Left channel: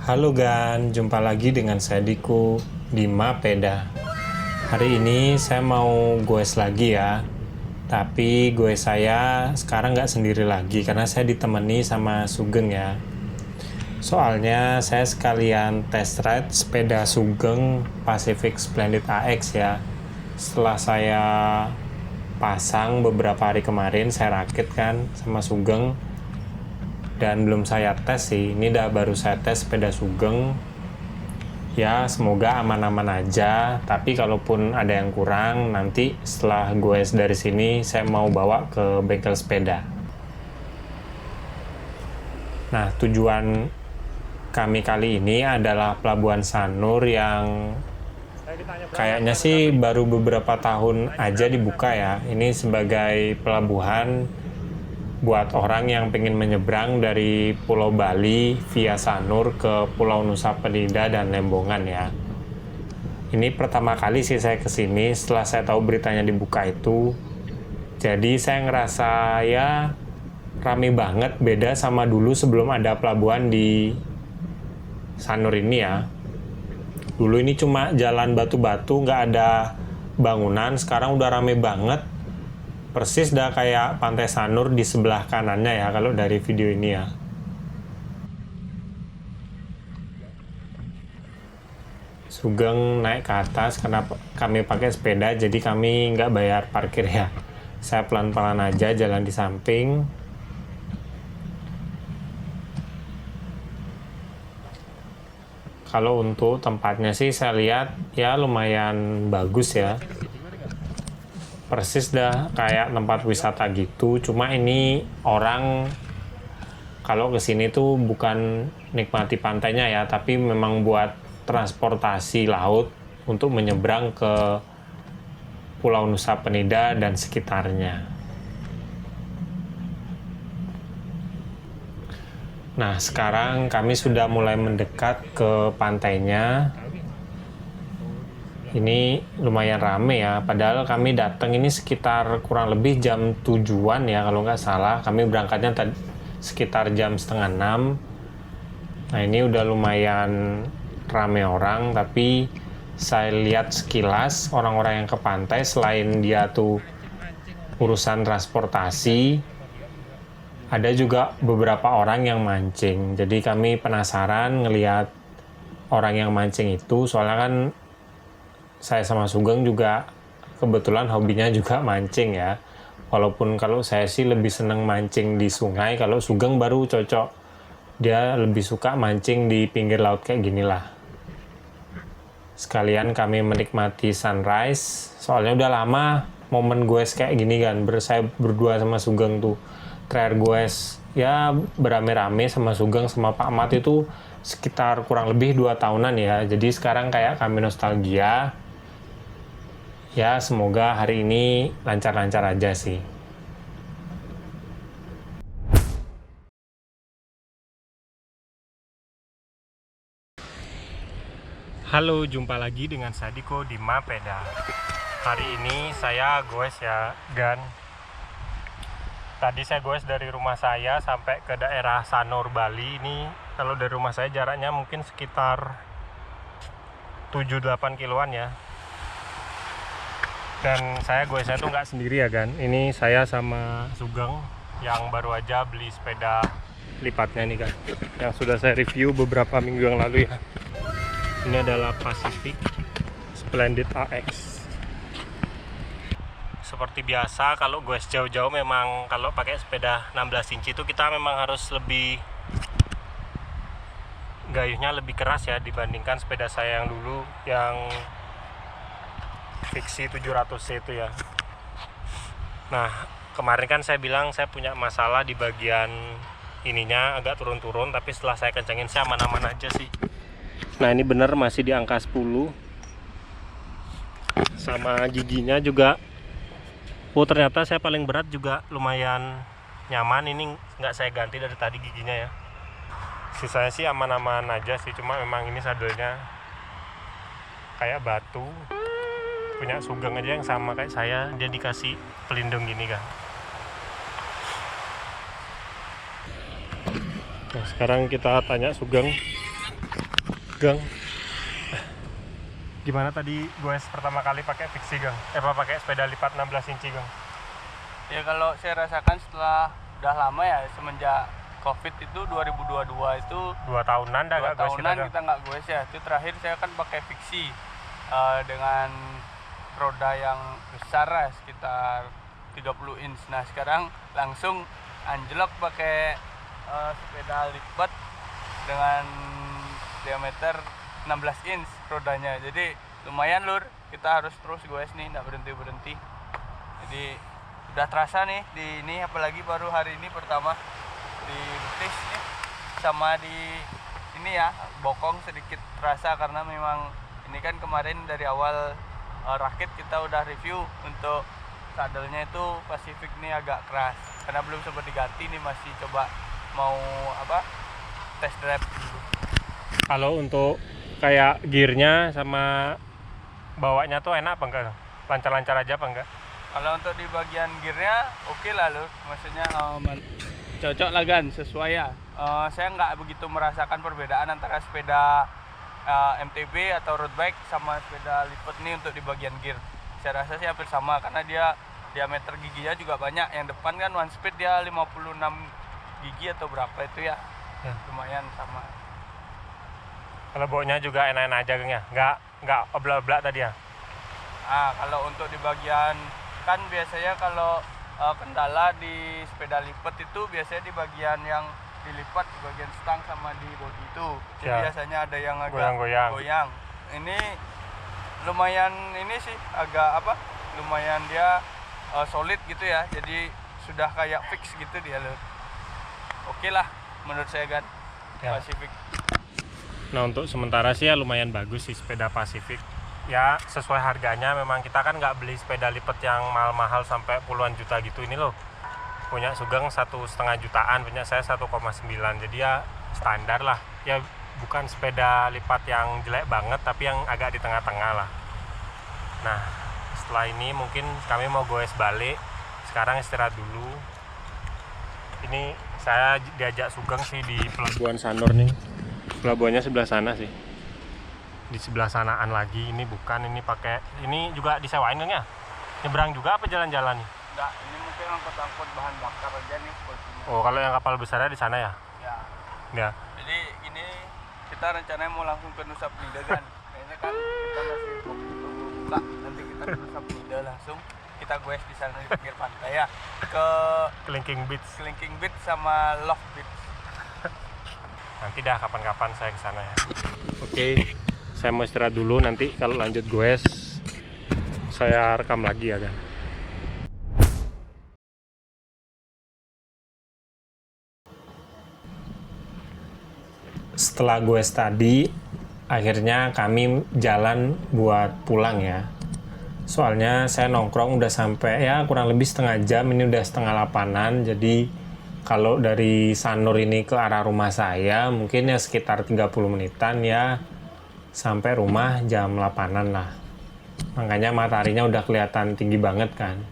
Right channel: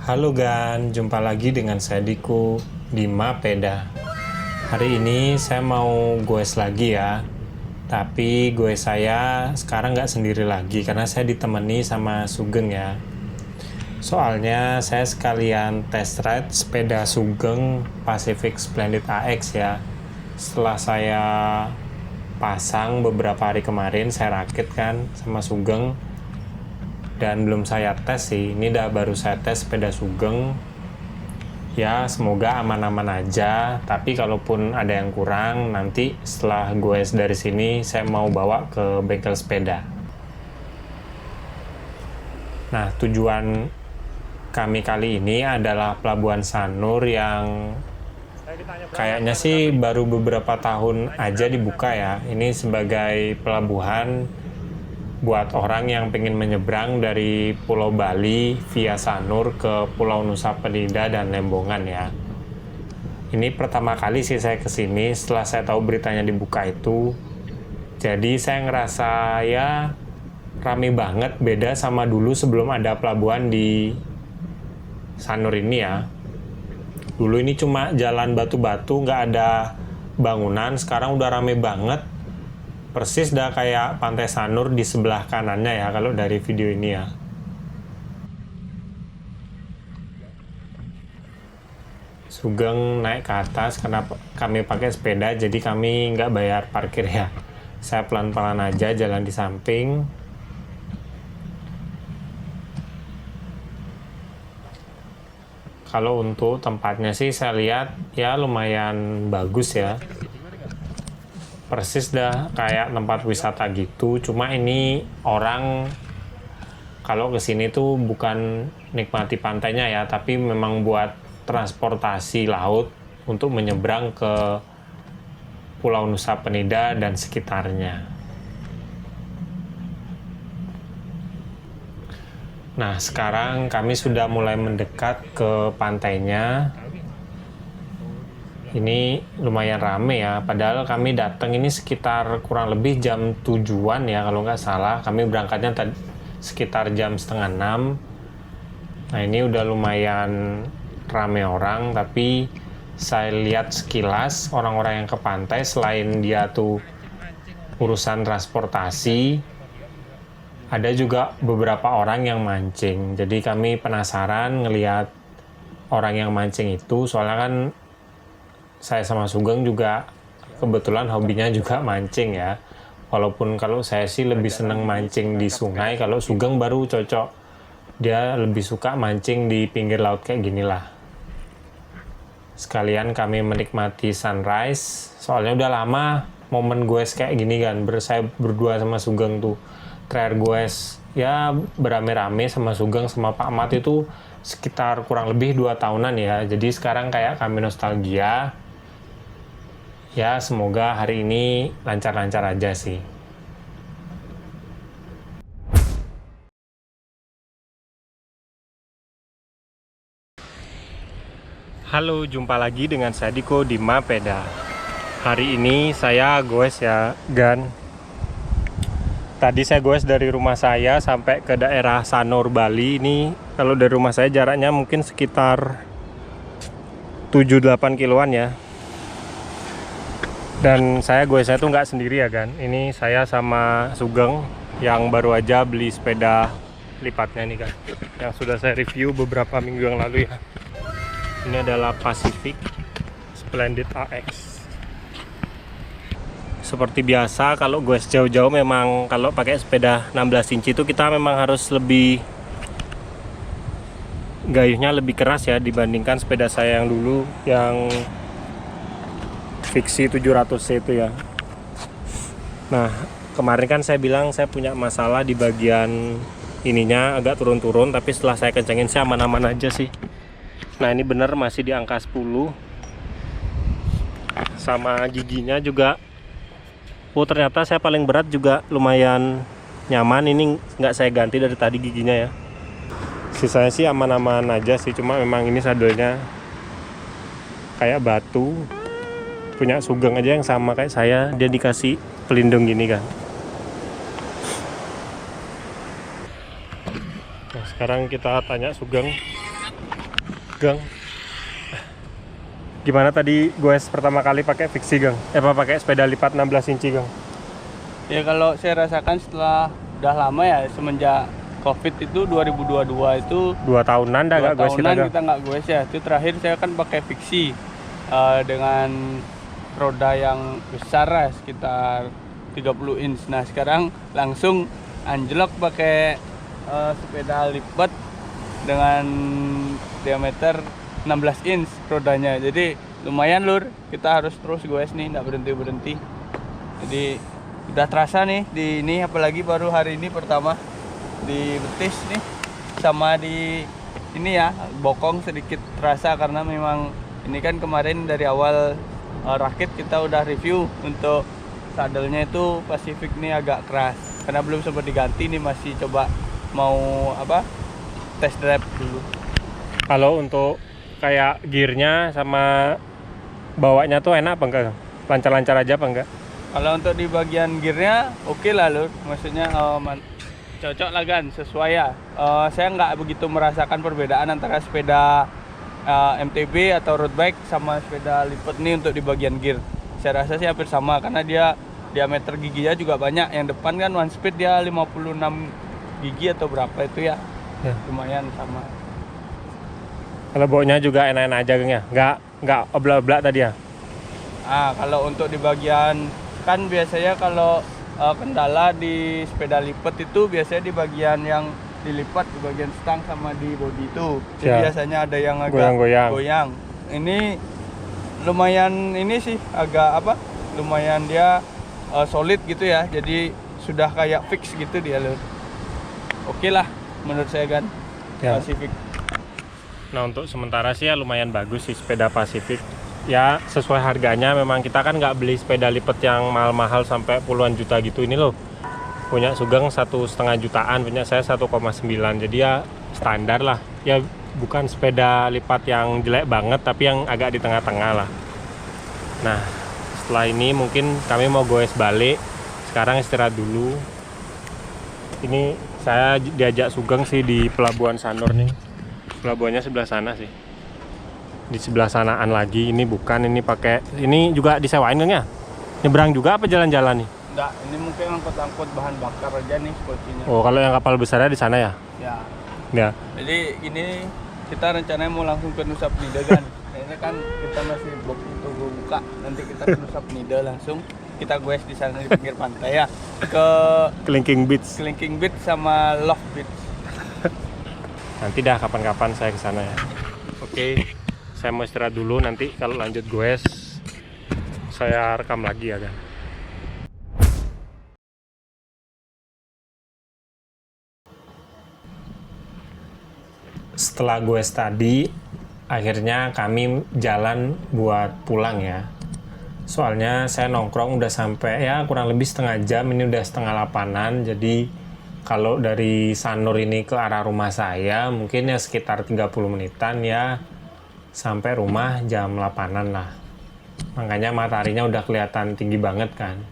Halo Gan, jumpa lagi dengan saya Diko di Mapeda. Hari ini saya mau goes lagi ya. Tapi goes saya sekarang nggak sendiri lagi karena saya ditemani sama Sugeng ya. Soalnya saya sekalian test ride sepeda Sugeng Pacific Splendid AX ya. Setelah saya pasang beberapa hari kemarin, saya rakit kan sama Sugeng. Dan belum saya tes sih, ini baru saya tes sepeda Sugeng. Ya semoga aman-aman aja, tapi kalaupun ada yang kurang, nanti setelah gue dari sini saya mau bawa ke bengkel sepeda. Nah, tujuan kami kali ini adalah Pelabuhan Sanur yang kayaknya sih baru beberapa tahun aja dibuka ya. Ini sebagai pelabuhan buat orang yang pengen menyeberang dari Pulau Bali via Sanur ke Pulau Nusa Penida dan Lembongan ya. Ini pertama kali sih saya kesini setelah saya tahu beritanya dibuka itu. Jadi saya ngerasa ya rame banget, beda sama dulu sebelum ada pelabuhan di Sanur ini ya. Dulu ini cuma jalan batu-batu, nggak ada bangunan, sekarang udah rame banget. Persis dah kayak Pantai Sanur di sebelah kanannya ya kalau dari video ini ya. Sugeng naik ke atas karena kami pakai sepeda, jadi kami nggak bayar parkir ya. Saya pelan-pelan aja jalan di samping. Kalau untuk tempatnya sih saya lihat ya lumayan bagus ya. Persis dah kayak tempat wisata gitu, cuma ini orang kalau kesini tuh bukan nikmati pantainya ya, tapi memang buat transportasi laut untuk menyeberang ke Pulau Nusa Penida dan sekitarnya. Nah, sekarang kami sudah mulai mendekat ke pantainya. Ini lumayan rame ya, padahal kami datang ini sekitar kurang lebih jam 7-an ya kalau nggak salah. Kami berangkatnya sekitar jam 5:30. Nah ini udah lumayan rame orang, tapi saya lihat sekilas orang-orang yang ke pantai selain dia tuh urusan transportasi, ada juga beberapa orang yang mancing. Jadi kami penasaran ngelihat orang yang mancing itu, soalnya kan saya sama Sugeng juga kebetulan hobinya juga mancing ya. Walaupun kalau saya sih lebih seneng mancing di sungai, kalau Sugeng baru cocok. Dia lebih suka mancing di pinggir laut kayak gini lah. Sekalian kami menikmati sunrise, soalnya udah lama momen goes kayak gini kan. Saya berdua sama Sugeng tuh. Terakhir goes ya berame-rame sama Sugeng sama Pak Mat itu sekitar kurang lebih 2 tahunan ya. Jadi sekarang kayak kami nostalgia. Ya semoga hari ini lancar-lancar aja sih. Halo, jumpa lagi dengan saya Diko di Mapeda. Hari ini saya goes ya, Gan. Tadi saya goes dari rumah saya sampai ke daerah Sanur, Bali. Ini kalau dari rumah saya jaraknya mungkin sekitar 7-8 kiloan ya. Dan saya goesnya tuh nggak sendiri ya kan. Ini saya sama Sugeng yang baru aja beli sepeda lipatnya nih kan, yang sudah saya review beberapa minggu yang lalu ya. Ini adalah Pacific Splendid AX. Seperti biasa kalau goes jauh-jauh memang kalau pakai sepeda 16 inci itu kita memang harus lebih gayuhnya lebih keras ya dibandingkan sepeda saya yang dulu yang Fixie 700C itu ya. Nah kemarin kan saya bilang saya punya masalah di bagian ininya agak turun-turun, tapi setelah saya kencengin sih aman-aman aja sih. Nah ini bener masih di angka 10. Sama giginya juga, oh ternyata saya paling berat juga lumayan nyaman. Ini nggak saya ganti dari tadi giginya ya. Sisanya sih aman-aman aja sih, cuma memang ini sadelnya kayak batu. Punya Sugeng aja yang sama kayak saya, dia dikasih pelindung gini kan. Nah sekarang kita tanya Sugeng Gang, gimana tadi gue pertama kali pakai fiksi, Gang? Pakai sepeda lipat 16 inci, Gang? Ya kalau saya rasakan setelah udah lama ya, semenjak COVID itu 2022 itu 2 tahunan dah 2 gak goes tahunan kita nggak goes ya. Itu terakhir saya kan pakai fiksi dengan roda yang besar lah, sekitar 30 inch. Nah sekarang langsung anjlok pakai sepeda lipat dengan diameter 16 inch rodanya. Jadi lumayan lur, kita harus terus goes nih, nggak berhenti. Jadi udah terasa nih di ini, apalagi baru hari ini pertama di betis nih sama di ini ya, bokong sedikit terasa karena memang ini kan kemarin dari awal rakit kita udah review untuk sadelnya itu Pacific nih agak keras karena belum sempat diganti nih, masih coba mau test drive dulu. Kalau untuk kayak gearnya sama bawanya tuh enak apa enggak? Lancar-lancar aja apa enggak? Kalau untuk di bagian gearnya oke lah lur, maksudnya cocok lah kan, sesuai ya. Saya nggak begitu merasakan perbedaan antara sepeda MTB atau road bike sama sepeda lipat nih untuk di bagian gear. Saya rasa sih hampir sama karena dia diameter giginya juga banyak. Yang depan kan one speed dia 56 gigi atau berapa itu ya. Lumayan sama. Kalau baunya juga enak-enak aja, Gang ya? Nggak oblak-oblak tadi ya? Kalau untuk di bagian, kan biasanya kalau kendala di sepeda lipat itu biasanya di bagian yang dilipat, di bagian stang sama di bodi itu. Jadi biasanya ada yang agak goyang. Ini lumayan ini sih agak lumayan dia solid gitu ya. Jadi sudah kayak fix gitu dia lur. Oke lah menurut saya kan ya. Pacific. Nah untuk sementara sih ya lumayan bagus sih sepeda Pacific. Ya sesuai harganya, memang kita kan nggak beli sepeda lipat yang mahal-mahal sampai puluhan juta gitu. Ini loh punya Sugeng 1,5 jutaan, punya saya 1,9, jadi ya standar lah ya, bukan sepeda lipat yang jelek banget tapi yang agak di tengah-tengah lah. Nah setelah ini mungkin kami mau goes balik, sekarang istirahat dulu. Ini saya diajak Sugeng sih di Pelabuhan Sanur nih, pelabuhannya sebelah sana sih, di sebelah sanaan lagi. Ini bukan, ini pakai, ini juga disewain kan ya? Nyebrang juga apa jalan-jalan nih? Enggak, ini mungkin angkut-angkut bahan bakar aja nih sepertinya. Oh, kalau yang kapal besarnya di sana ya? Ya. Jadi ini kita rencananya mau langsung ke Nusa Penida kan. Ini kan kita masih buka, nanti kita ke Nusa Penida langsung. Kita goes di sana di pinggir pantai ya. Ke Kelingking Beach sama Love Beach. Nanti dah kapan-kapan saya ke sana ya. Oke. Saya mau istirahat dulu, nanti kalau lanjut goes saya rekam lagi ya kan. Setelah goes tadi, akhirnya kami jalan buat pulang ya. Soalnya saya nongkrong udah sampai ya kurang lebih setengah jam, ini udah 7:30. Jadi kalau dari Sanur ini ke arah rumah saya mungkin ya sekitar 30 menitan ya, sampai rumah jam 8-an lah. Makanya mataharinya udah kelihatan tinggi banget kan.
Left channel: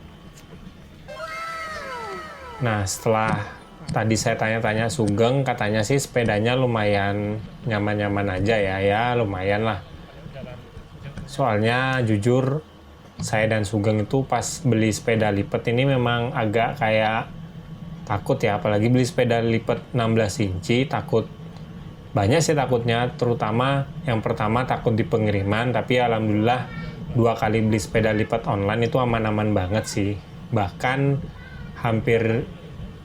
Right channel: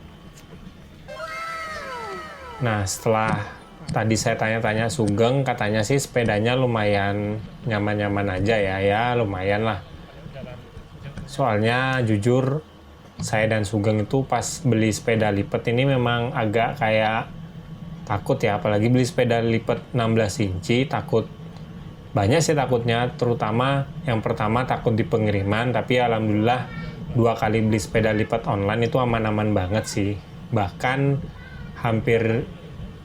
Nah setelah tadi saya tanya-tanya Sugeng, katanya sih sepedanya lumayan nyaman-nyaman aja ya lumayan lah. Soalnya jujur saya dan Sugeng itu pas beli sepeda lipat ini memang agak kayak takut ya, apalagi beli sepeda lipat 16 inci, takut banyak sih takutnya, terutama yang pertama takut di pengiriman. Tapi alhamdulillah 2 kali beli sepeda lipat online itu aman-aman banget sih, bahkan hampir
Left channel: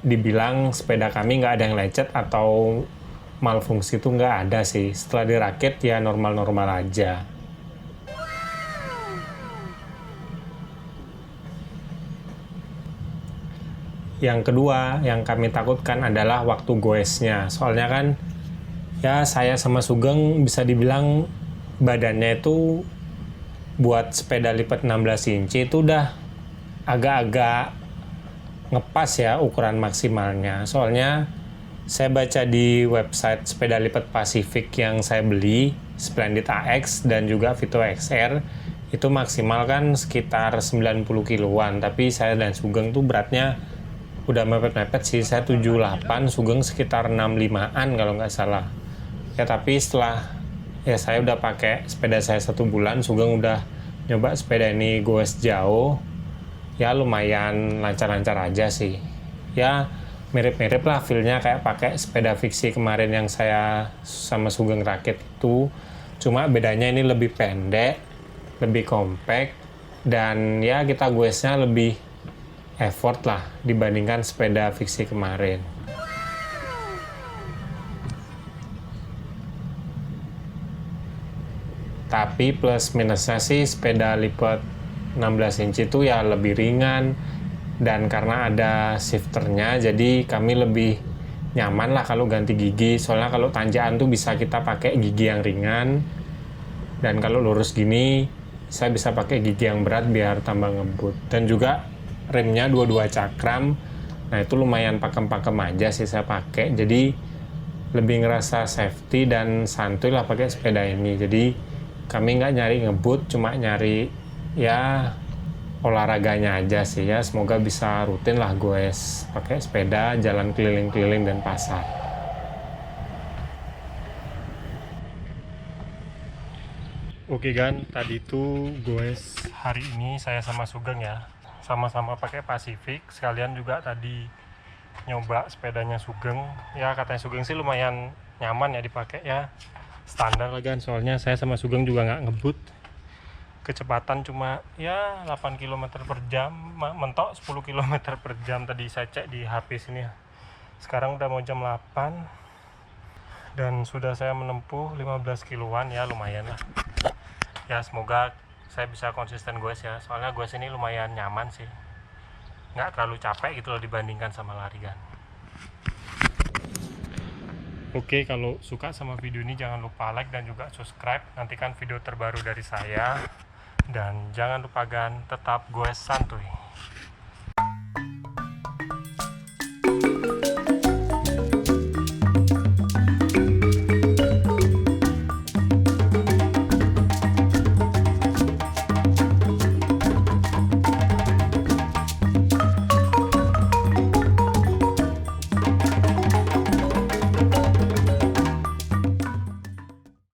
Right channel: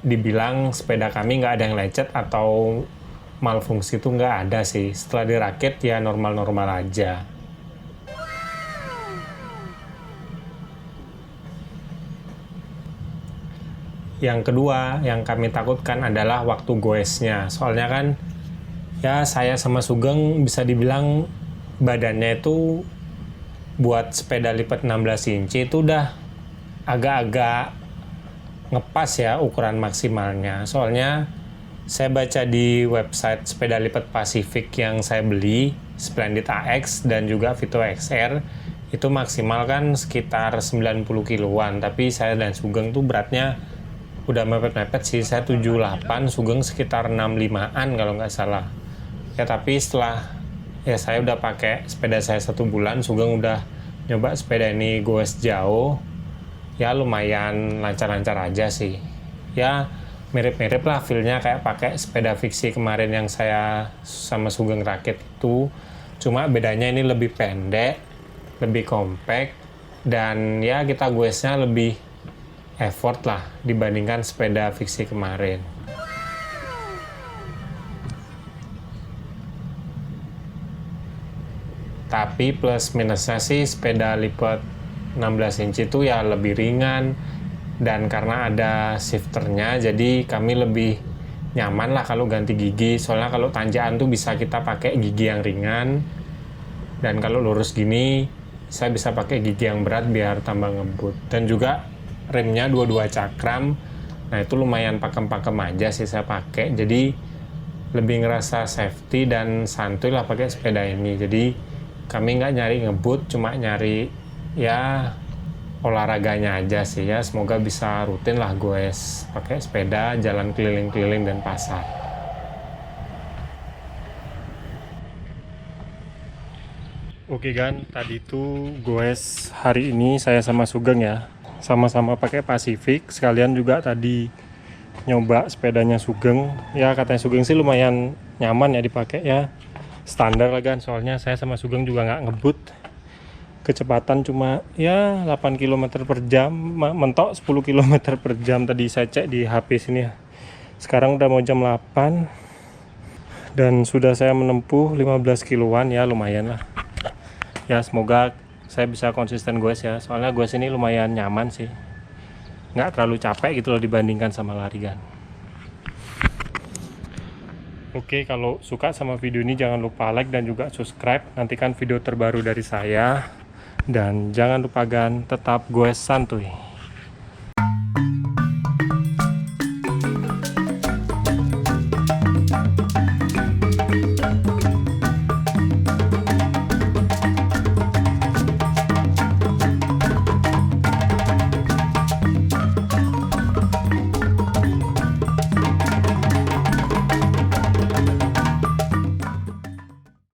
dibilang sepeda kami nggak ada yang lecet atau malfungsi, itu nggak ada sih. Setelah dirakit ya normal-normal aja. Yang kedua yang kami takutkan adalah waktu goesnya. Soalnya kan ya saya sama Sugeng bisa dibilang badannya itu buat sepeda lipat 16 inci itu udah agak-agak ngepas ya ukuran maksimalnya. Soalnya saya baca di website sepeda lipat Pacific yang saya beli, Splendid AX dan juga Vito XR, itu maksimal kan sekitar 90 kiloan. Tapi saya dan Sugeng tuh beratnya udah mepet-mepet sih. Saya 78, Sugeng sekitar 65an kalau nggak salah. Ya tapi setelah ya saya udah pakai sepeda saya 1 bulan, Sugeng udah nyoba sepeda ini goes jauh, ya lumayan lancar-lancar aja sih. Ya mirip-mirip lah feel-nya kayak pakai sepeda fiksi kemarin yang saya sama Sugeng rakit itu. Cuma bedanya ini lebih pendek, lebih compact, dan ya kita goesnya lebih effort lah dibandingkan sepeda fiksi kemarin. Tapi plus minusnya sih sepeda lipat 16 inci itu ya lebih ringan, dan karena ada shifternya jadi kami lebih nyaman lah kalau ganti gigi. Soalnya kalau tanjakan tuh bisa kita pakai gigi yang ringan, dan kalau lurus gini saya bisa pakai gigi yang berat biar tambah ngebut. Dan juga remnya dua-dua cakram, nah itu lumayan pakem-pakem aja sih saya pakai, jadi lebih ngerasa safety dan santuy lah pakai sepeda ini. Jadi kami nggak nyari ngebut, cuma nyari ya olahraganya aja sih ya. Semoga bisa rutin lah goes pakai sepeda jalan keliling-keliling dan pasar. Oke kan, tadi tuh goes hari ini saya sama Sugeng ya, sama-sama pakai Pacific. Sekalian juga tadi nyoba sepedanya Sugeng. Ya katanya Sugeng sih lumayan nyaman ya dipakai ya, standar lah kan. Soalnya saya sama Sugeng juga nggak ngebut, kecepatan cuma ya 8 km per jam, mentok 10 km per jam tadi saya cek di HP sini ya. Sekarang udah mau jam 8 dan sudah saya menempuh 15 kiloan, ya lumayan lah ya. Semoga saya bisa konsisten goes ya, soalnya goes ini lumayan nyaman sih, nggak terlalu capek gitu loh dibandingkan sama lari kan. Oke, kalau suka sama video ini jangan lupa like dan juga subscribe, nantikan video terbaru dari saya. Dan jangan lupa gan, tetap goes santuy.